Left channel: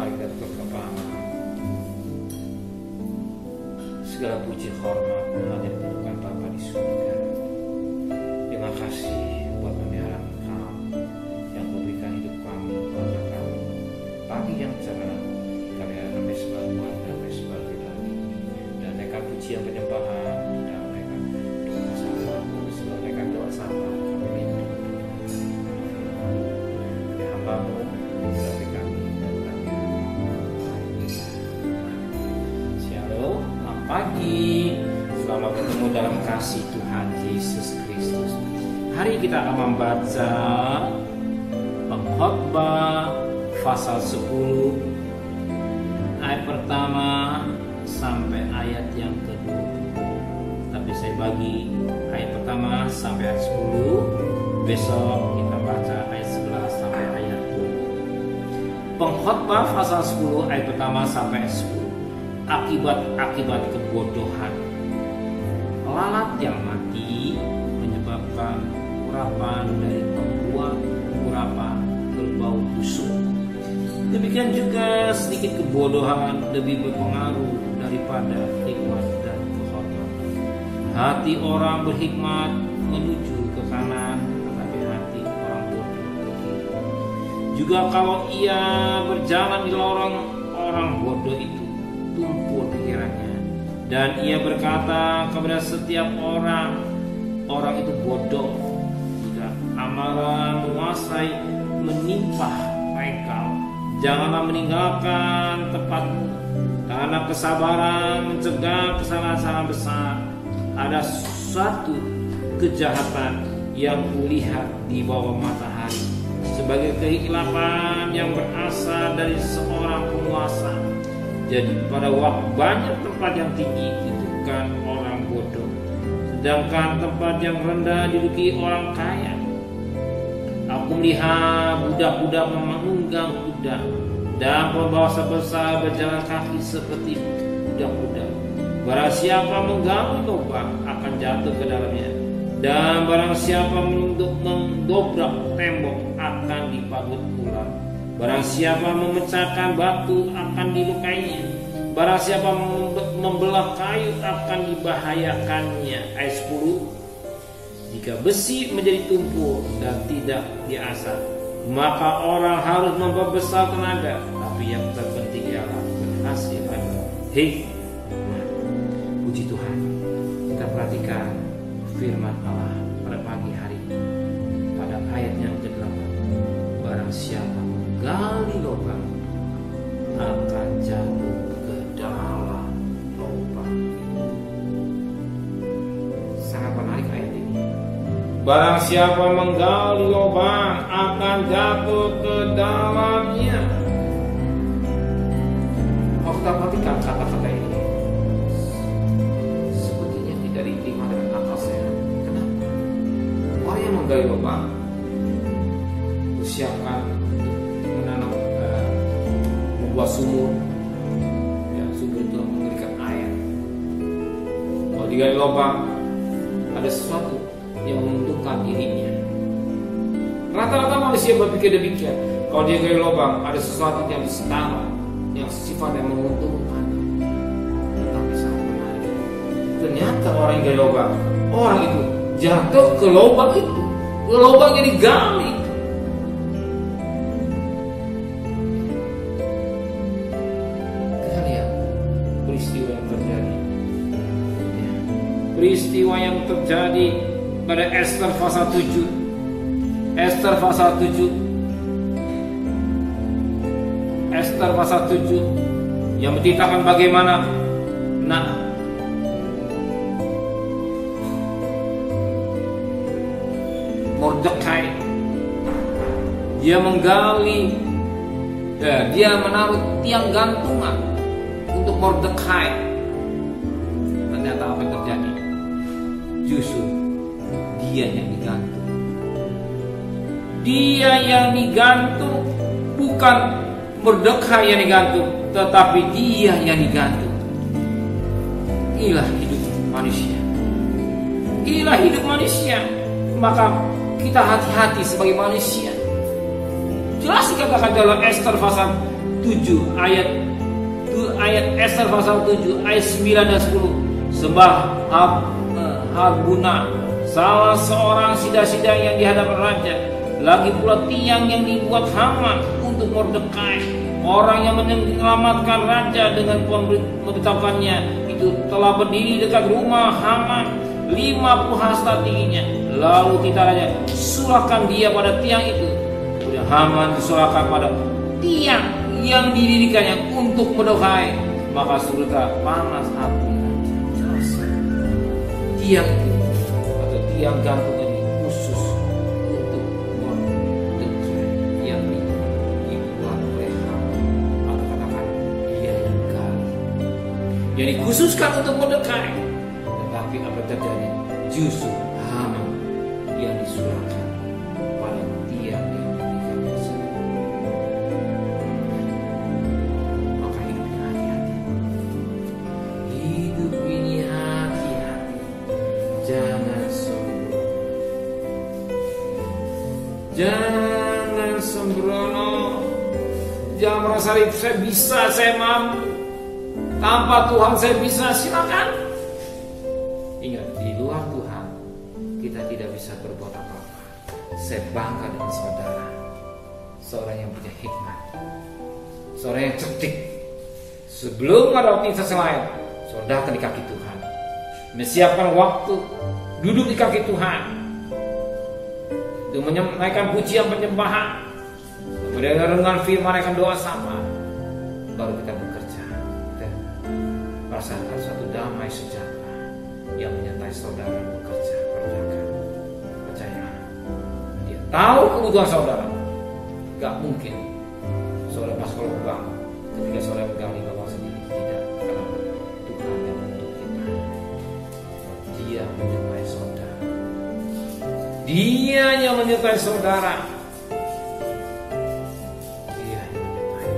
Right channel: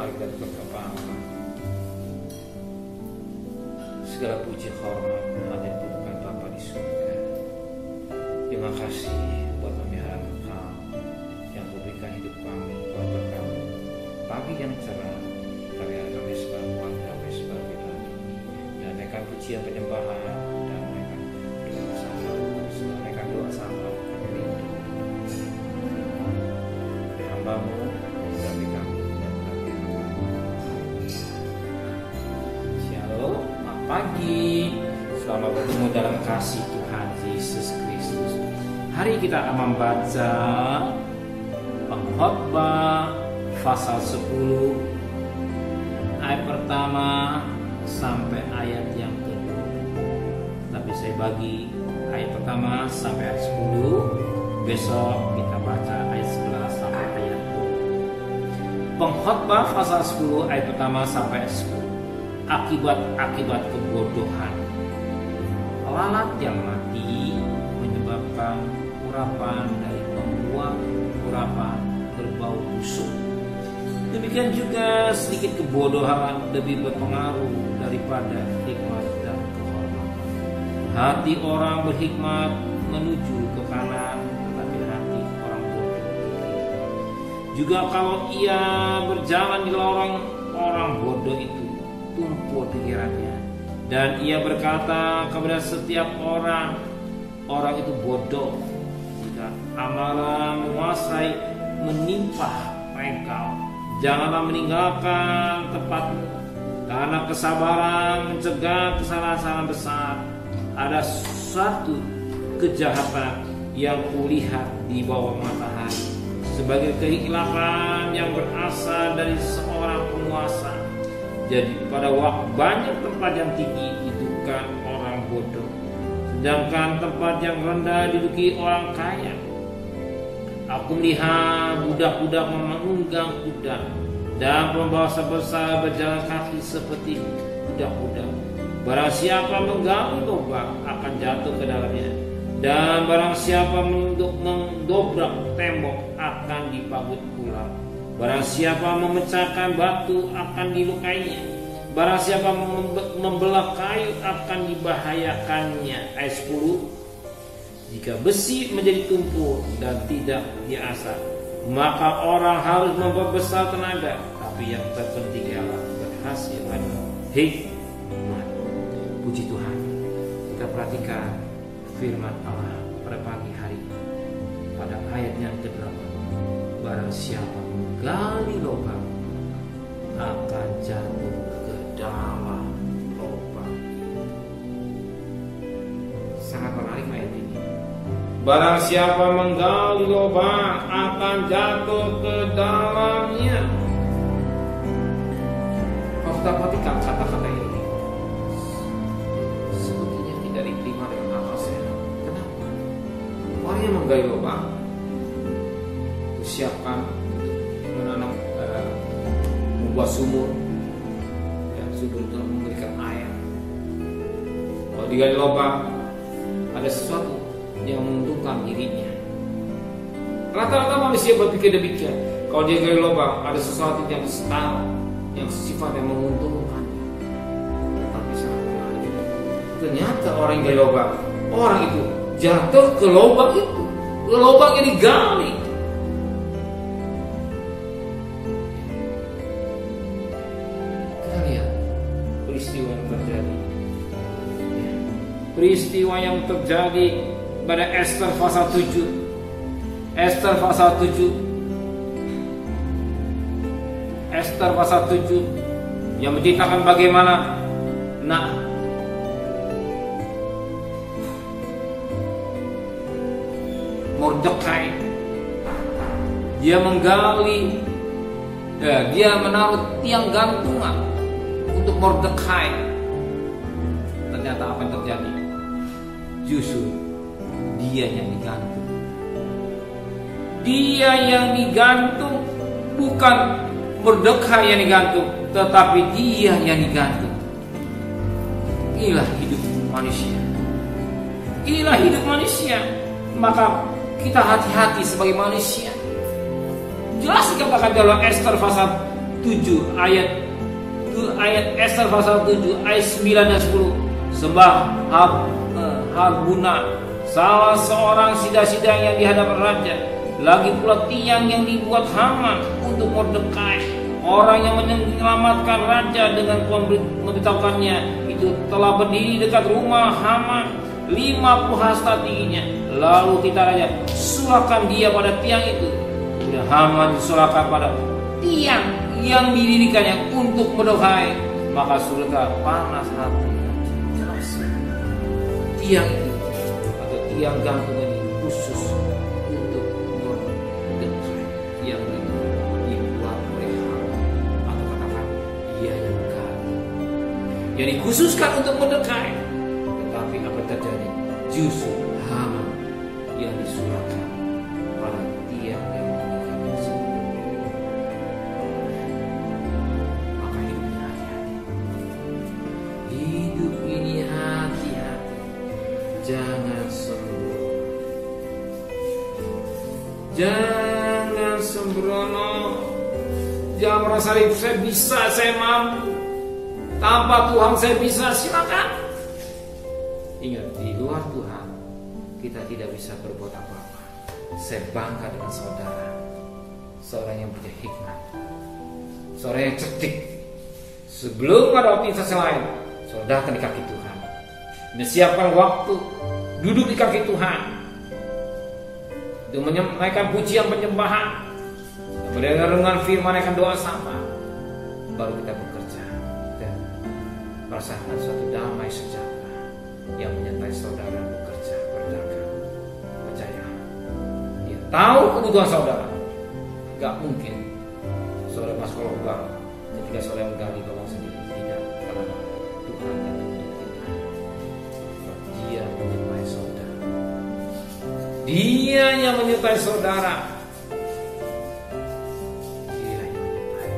Mari kita berkepahaman. Segala puji hormat hanya diberikan Bapa di surga. Terima kasih buat pemeliharaan Engkau yang memberikan hidup kami, keluarga kami. Pagi yang cerah, kami sebagai warga, kami sebagai pribadi. Dan naikkan pujian penyembahan dan naikkan doa syafaat. Kami sebelum naikkan doa syafaat, kami rindu dengan firman. Kami hamba-Mu, berarti kami dan berarti hamba-Mu. Haleluya. Shalom, selamat pagi. Selamat bertemu dalam kasih Tuhan Yesus Kristus. Hari kita akan membaca Pengkhotbah pasal 10 ayat pertama sampai ayat yang kedua. Tapi saya bagi ayat pertama sampai ayat 10. Besok kita baca ayat 11 sampai ayat 2. Pengkhotbah pasal 10 ayat pertama sampai ayat 10. Akibat-akibat kebodohan. Lalat yang mati menyebabkan urapan dari pembuat urapan berbau busuk. Demikian juga sedikit kebodohan lebih berpengaruh daripada hikmat dan kehormatan. Hati orang berhikmat menuju ke kanan, tetapi hati orang bodoh ke kiri. Juga kalau ia berjalan di lorong, orang bodoh itu tumpul pikirannya, dan ia berkata kepada setiap orang itu bodoh. Jika amarah menguasai menimpa engkau, janganlah meninggalkan tempatmu, karena kesabaran mencegah kesalahan besar. Ada suatu kejahatan yang kulihat di bawah matahari, sebagai kehilapan yang berasal dari seorang penguasa. Jadi pada waktu banyak tempat yang tinggi itu kan orang bodoh, sedangkan tempat yang rendah diduduki orang kaya. Aku melihat budak-budak menunggang kuda, dan pembawa sebesar berjalan kaki seperti budak-budak. Barang siapa menggali lubang akan jatuh ke dalamnya, dan barang siapa mendobrak tembok akan dipagut ular. Barang siapa memecahkan batu akan dilukainya. Barang siapa membelah kayu akan dibahayakannya. Ayat 10. Jika besi menjadi tumpul dan tidak diasah, maka orang harus memperbesar tenaga. Tapi yang terpenting ialah berhasil adalah hikmat. Puji Tuhan. Kita perhatikan firman Allah pada pagi hari pada ayat yang ke-8. Barang siapa menggali lubang akan jatuh ke dalam lubang. Sangat menarik ayat ini. Barang siapa menggali lubang akan jatuh ke dalamnya. Kalau kita perhatikan kata-kata ini, sepertinya tidak diterima dengan akal sehat. Kenapa? Orang yang menggali lubang siapkan untuk menanam, membuat sumur. Ya, sumur itu memberikan air. Kalau digali lubang, ada sesuatu yang menguntungkan dirinya. Rata-rata manusia berpikir demikian. Kalau dia gali lubang, ada sesuatu yang setara, yang sifatnya menguntungkan. Tetapi sangat menarik. Ternyata orang yang gali lubang, orang itu jatuh ke lubang itu, ke lubang yang digali. Peristiwa yang terjadi, peristiwa yang terjadi pada Esther pasal 7. Esther pasal 7 yang menceritakan bagaimana Mordekai dia menggali, dia menaruh tiang gantungan untuk Mordekai. Ternyata apa yang terjadi? Justru dia yang digantung. Dia yang digantung, bukan Mordekai yang digantung, tetapi dia yang digantung. Inilah hidup manusia. Inilah hidup manusia. Maka kita hati-hati sebagai manusia. Jelas dikatakan dalam Esther pasal 7 ayat Ester pasal 7 ayat 9 dan 10. Sembah Harbuna, salah seorang sidang yang di hadapan raja. Lagi pula tiang yang dibuat Haman untuk Mordekai, orang yang menyelamatkan raja dengan memberitahukannya, itu telah berdiri dekat rumah Haman, 50 hasta tingginya. Lalu titah raja, sulahkan dia pada tiang itu. Kemudian Haman disulahkan pada tiang yang didirikannya untuk Mordekai. Maka surutlah panas hati raja. Jelas, tiang itu atau tiang gantungan ini khusus untuk Mordekai yang dibuat oleh Haman, atau katakan dia yang gali. Jadi khususkan untuk Mordekai. Tetapi apa terjadi? Justru Haman yang disulahkan pada tiang yang didirikannya sendiri. Maka hidupnya hati-hati. Hidup ini hati-hati. Jangan sembrono. Jangan sembrono. Jangan merasa saya bisa, saya mampu. Tanpa Tuhan saya bisa, silakan. Ingat, di luar Tuhan kita tidak bisa berbuat apa-apa. Saya bangga dengan saudara, seorang yang punya hikmat, seorang yang cerdik. Sebelum ada aktivitas lain, saudara akan di kaki Tuhan, menyiapkan waktu duduk di kaki Tuhan untuk menaikkan pujian penyembahan, mendengarkan firman, menaikkan doa sama. Baru kita bekerja dan merasakan suatu damai sejahtera yang menyertai saudara bekerja, berdagang. Percaya, dia tahu kebutuhan saudara. Gak mungkin saudara masuk ke lubang ketika saudara menggali lubang sendiri. Tidak, karena Tuhan yang menuntut kita. Sebab dia menyertai saudara. Dia yang menyertai saudara. Dia yang menyertai.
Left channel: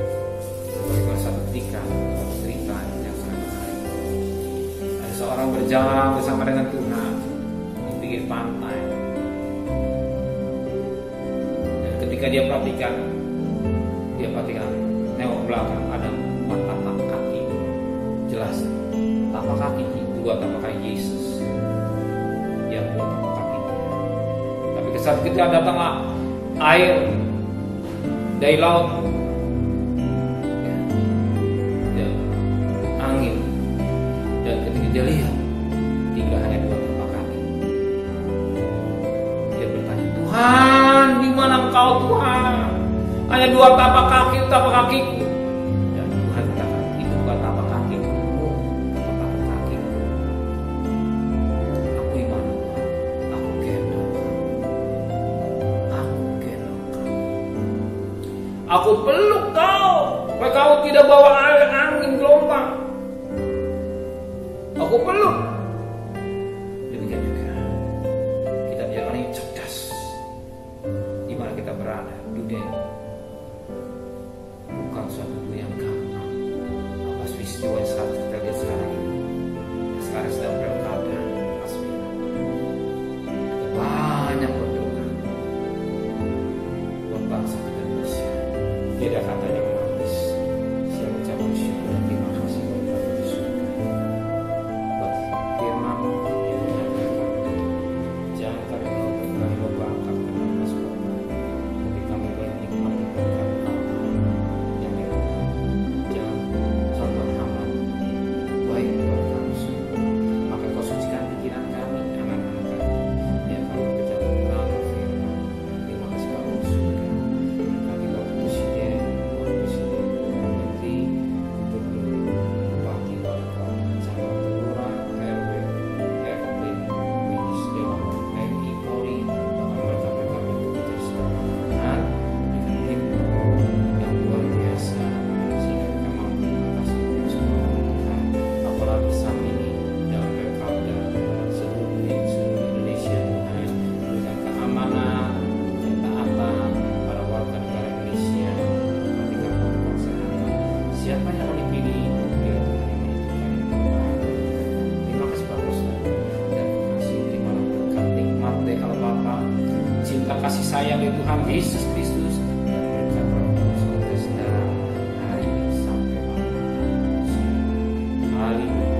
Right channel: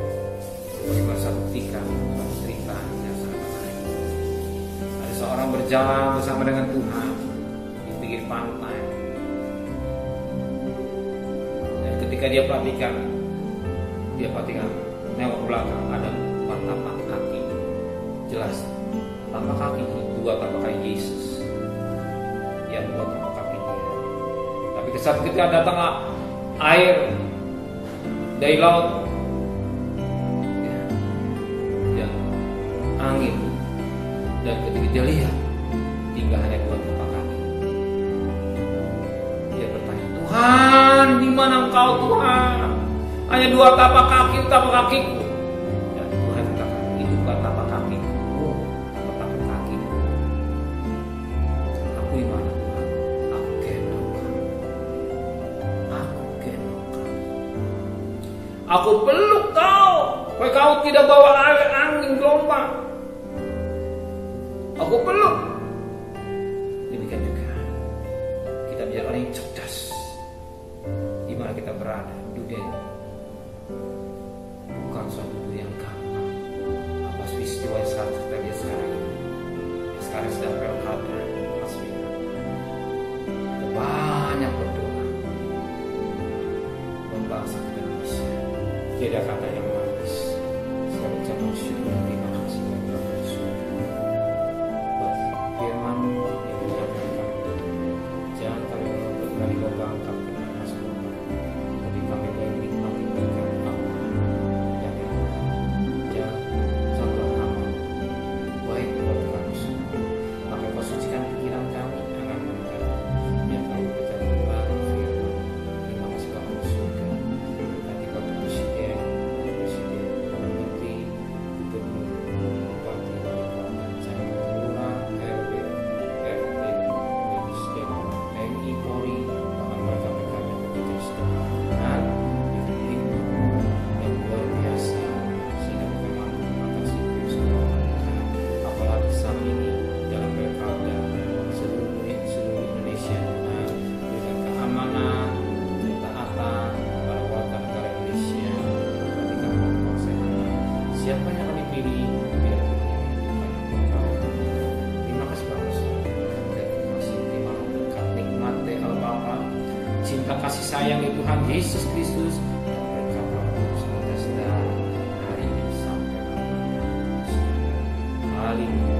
Sebagaimana satu cerita yang sangat menarik. Ada seorang berjalan bersama dengan Tuhan di pinggir pantai. Dan ketika dia perhatikan nengok belakang, ada 4 tapak kaki. Jelas, tapak kaki, 2 tapak kaki Yesus, yang 2 tapak kaki dia. Tapi ketika datanglah air dari laut, ya, dan angin, dan ketika dia lihat tinggal hanya 2 tapak kaki, dia bertanya, Tuhan, di mana Engkau Tuhan? Hanya 2 tapak kakiku. Dan Tuhan katakan, itu bukan tapak kakimu, tapak kakiku. Aku di mana Tuhan? Aku gendong kamu. Aku peluk kau, supaya kau tidak bawa air angin gelombang. Aku peluk. Demikian juga kita menjadi orang yang cerdas. Di mana kita berada, dunia ini bukan suatu dunia yang gampang. Apa peristiwa yang kita lihat sekarang ini, yang sekarang sedang pilkada, kita banyak berdoa buat bangsa kita Indonesia. Tiada kata yang manis selain ucapan syukur dan terima kasih bagi Bapa di surga. Buat firman-Mu yang mengingatkan kami, jangan kami menolak dari membangkang karena masuk Bapa, tapi kami boleh menikmati berkat Allah yang di Tuhan. Jangan contoh Haman, baik buat kami semua. Maka Kau sucikan pikiran kami, angan-angan kami, yang kami berjalan terang firman. Terima kasih Bapa di surga. Berkati Bapak Presiden, Wakil Presiden, Perdana Menteri, Gubernur, Bupati, Wali Kota, Camat, Lurah, RW, RT, Winis, Dewan, TNI, Polri, bahkan mereka-mereka yang bekerja secara Tuhan, dengan hikmat yang luar biasa, sehingga mereka mampu mengatasi virus corona Tuhan. Apalagi saat ini dalam pilkada seluruh Indonesia Tuhan, berikan keamanan, ketaatan para warga negara Indonesia, memperhatikan protokol kesehatan. Siapa yang akan dipilih, biar Tuhan yang menentukan yang terbaik. Terima kasih Bapak Surga, dan kasih terimalah berkat nikmat dari Allah Bapa, cinta kasih sayang dari Tuhan Yesus Kristus, dan berkat Roh Kudus kita hari Haleluya.